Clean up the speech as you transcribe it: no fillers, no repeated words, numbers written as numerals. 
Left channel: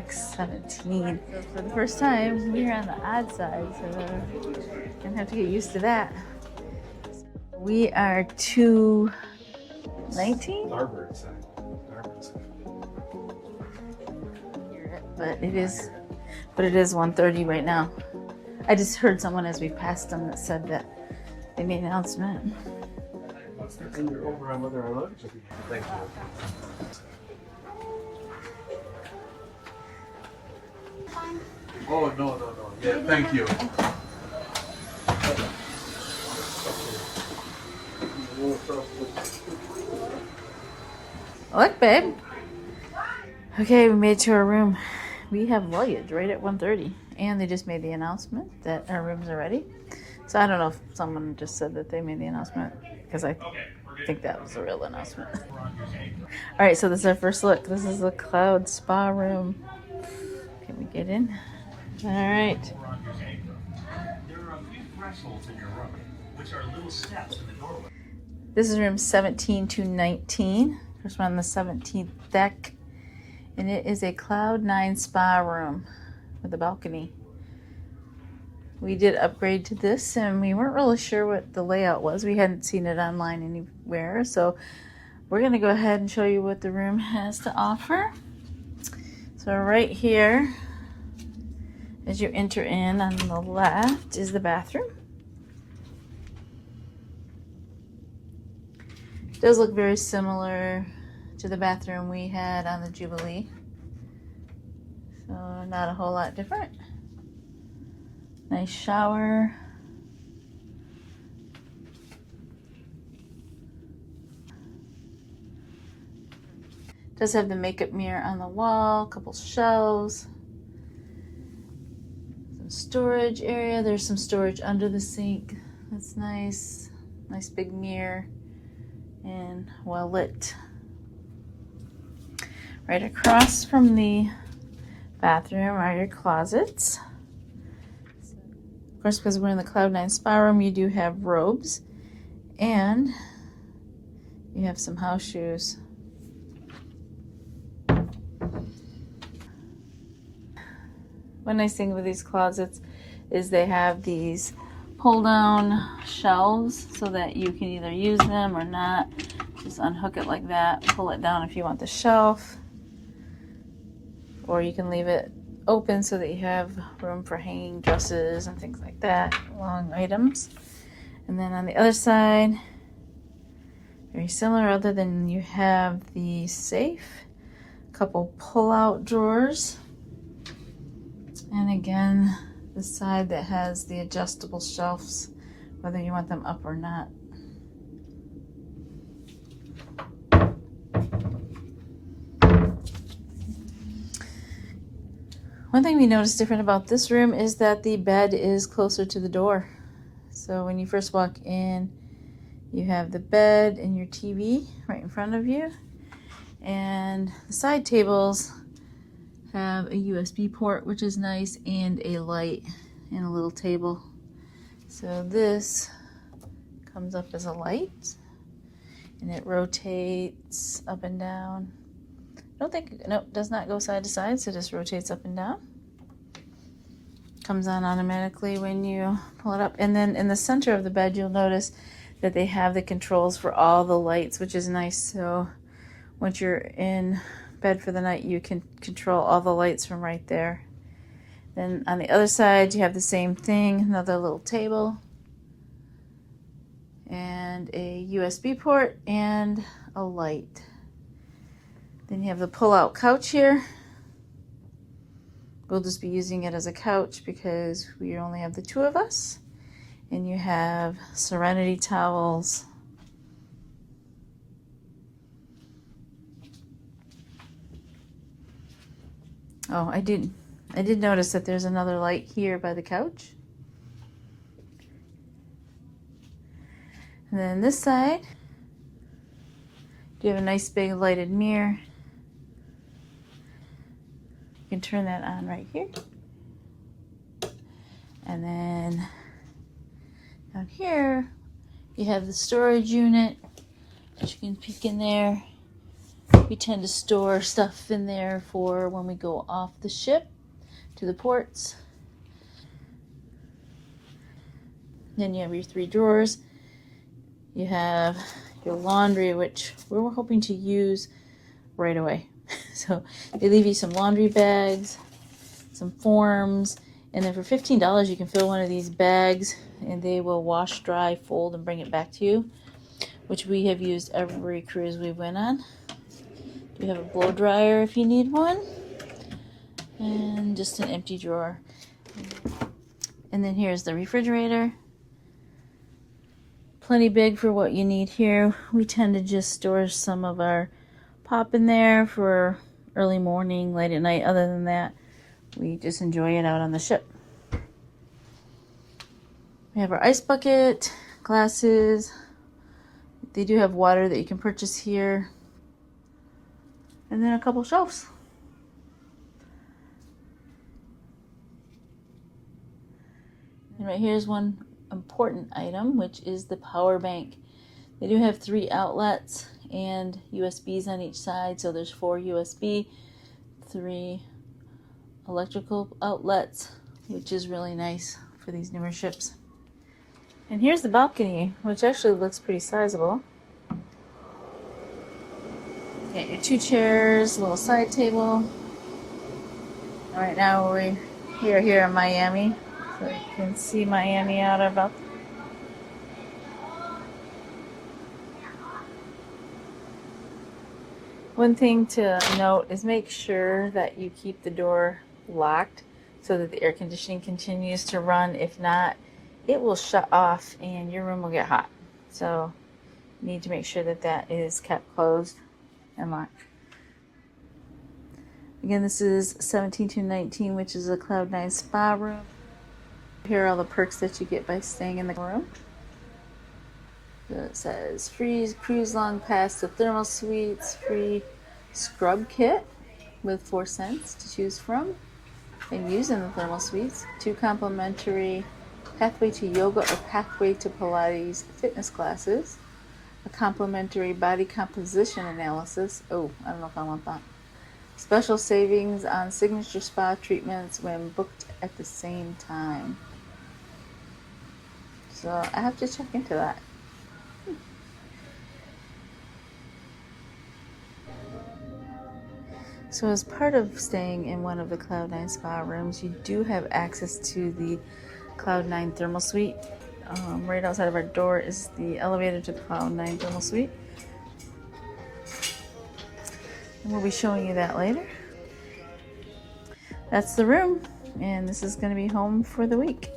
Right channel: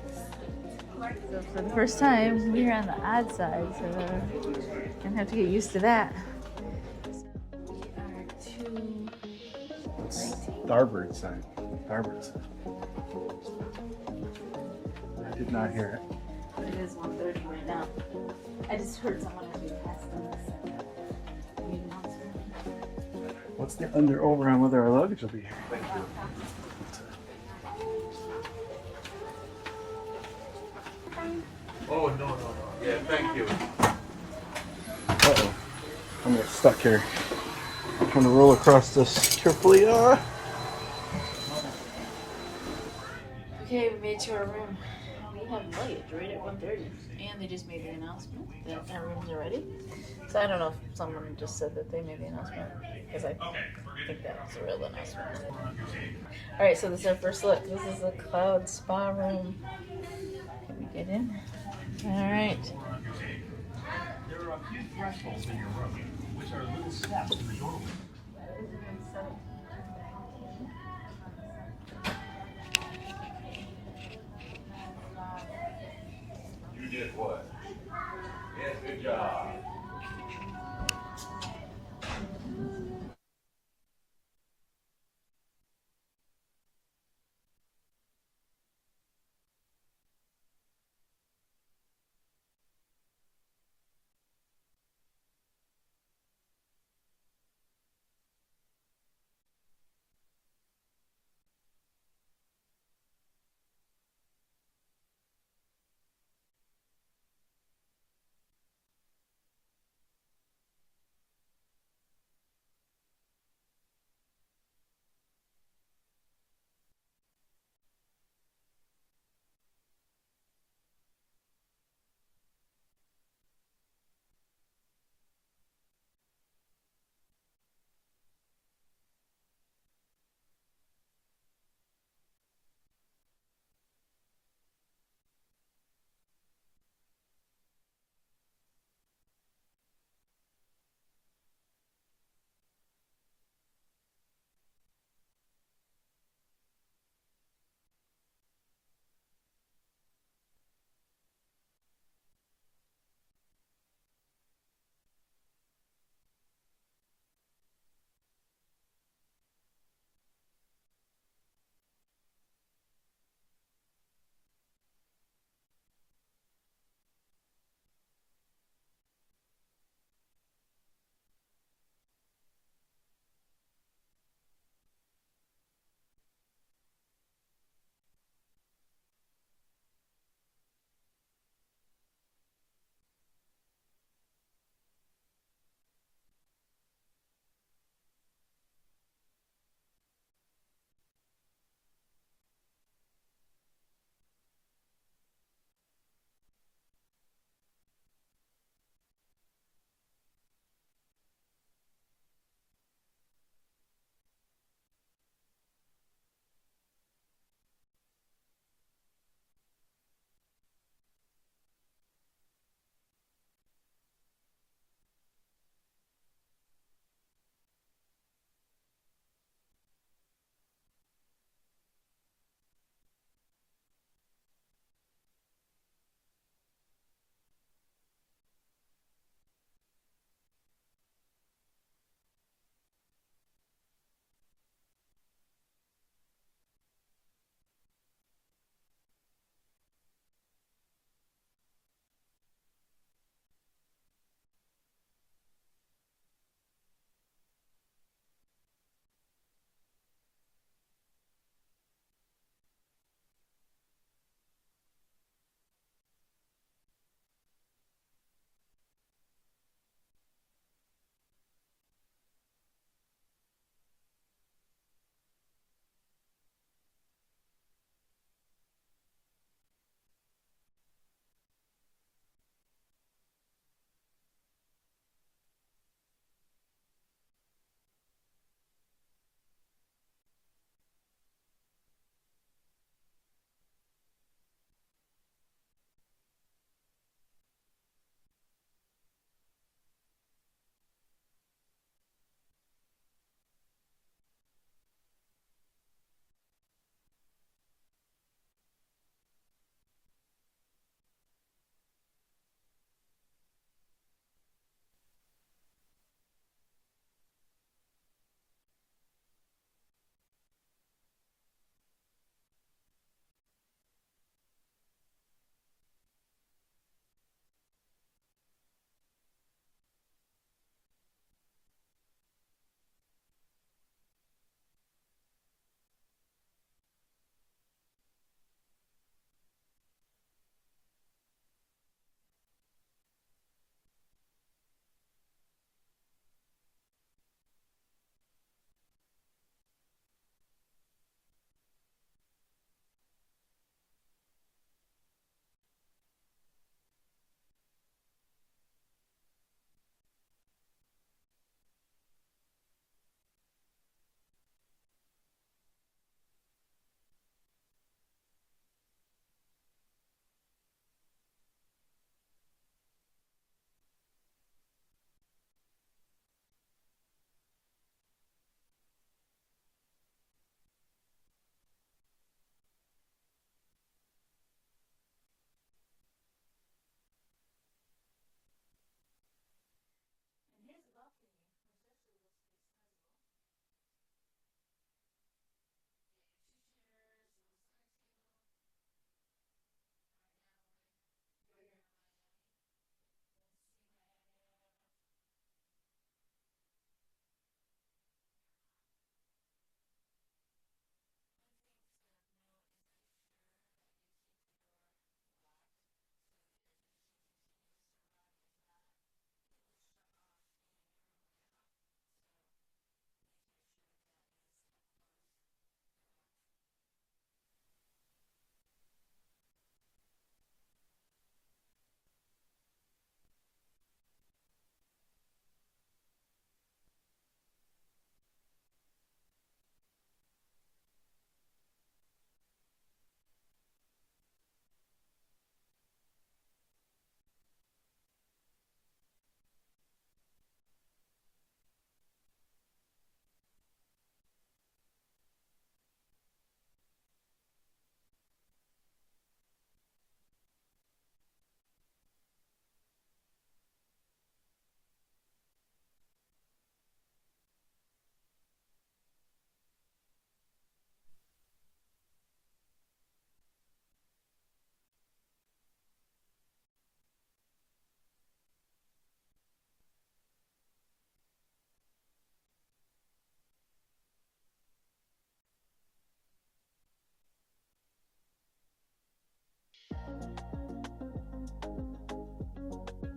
deck 17. So for the first time, we're on the odd side, so gonna have to get used to that. So we are 219. Starboard side. But it is 1:30 right now. I just heard someone as we passed them that said that they made an announcement. And they're over on whether our luggage will be here. Thank you. Oh, no. Yeah, thank you. Uh-oh. I'm gonna get stuck here. I'm trying to roll across this carefully. Look, babe. Okay, we made it to our room. We have luggage right at 1:30, and they just made the announcement that our rooms are ready. So I don't know if someone just said that they made the announcement, because I think that was a real announcement. All right, so this is our first look. This is the Cloud Spa room. Can we get in? All right. There are a few thresholds in your room, which are little steps in the doorway. This is room 17 to 19. First one on the 17th deck. And it is a Cloud 9 spa room with a balcony. We did upgrade to this, and we weren't really sure what the layout was. We hadn't seen it online anywhere, so we're going to go ahead and show you what the room has to offer. So right here, as you enter in on the left, is the bathroom. It does look very similar to the bathroom we had on the Jubilee. So not a whole lot different. Nice shower. Does have the makeup mirror on the wall, a couple shelves. Some storage area. There's some storage under the sink. That's nice. Nice big mirror and well lit. Right across from the bathroom are your closets. Of course, because we're in the Cloud 9 spa room, you do have robes, and you have some house shoes. One nice thing with these closets is they have these pull-down shelves so that you can either use them or not. Just unhook it like that, pull it down if you want the shelf, or you can leave it open so that you have room for hanging dresses and things like that, long items. And then on the other side, very similar, other than you have the safe, a couple pull-out drawers, and again the side that has the adjustable shelves, whether you want them up or not. One thing we noticed different about this room is that the bed is closer to the door. So when you first walk in, you have the bed and your TV right in front of you. And the side tables have a USB port, which is nice, and a light and a little table. So this comes up as a light, and it rotates up and down. Nope, does not go side to side, so it just rotates up and down. Comes on automatically when you pull it up. And then in the center of the bed, you'll notice that they have the controls for all the lights, which is nice. So once you're in bed for the night, you can control all the lights from right there. Then on the other side, you have the same thing, another little table, and a USB port, and a light. Then you have the pull-out couch here. We'll just be using it as a couch because we only have the two of us. And you have Serenity towels. Oh, I did notice that there's another light here by the couch. And then this side, you have a nice big lighted mirror. You can turn that on right here. And then down here, you have the storage unit, which you can peek in there. We tend to store stuff in there for when we go off the ship to the ports. Then you have your 3 drawers. You have your laundry, which we're hoping to use right away. So they leave you some laundry bags, some forms, and then for $15 you can fill one of these bags and they will wash, dry, fold, and bring it back to you, which we have used every cruise we went on. You have a blow dryer if you need one, and just an empty drawer. And then here's the refrigerator. Plenty big for what you need here. We tend to just store some of our pop in there for early morning, late at night. Other than that, we just enjoy it out on the ship. We have our ice bucket, glasses. They do have water that you can purchase here. And then a couple shelves. And right here's one important item, which is the power bank. They do have 3 outlets and USBs on each side, so there's 4 USB, 3 electrical outlets, which is really nice for these newer ships. And here's the balcony, which actually looks pretty sizable. You got your 2 chairs, a little side table. Right now we're here in Miami, so you can see Miami out about. One thing to note is make sure that you keep the door locked so that the air conditioning continues to run. If not, it will shut off and your room will get hot. So you need to make sure that that is kept closed and locked. Again, this is 17-19, which is a Cloud 9 spa room. Here are all the perks that you get by staying in the room. So it says free cruise long pass to thermal suites, free scrub kit with 4 scents to choose from and use in the thermal suites, 2 complimentary pathway to yoga or pathway to Pilates fitness classes, a complimentary body composition analysis. Oh, I don't know if I want that. Special savings on signature spa treatments when booked at the same time. So I have to check into that. So as part of staying in one of the Cloud 9 spa rooms, you do have access to the Cloud 9 thermal suite. Right outside of our door is the elevator to the Cloud 9 thermal suite. And we'll be showing you that later. That's the room, and this is going to be home for the week.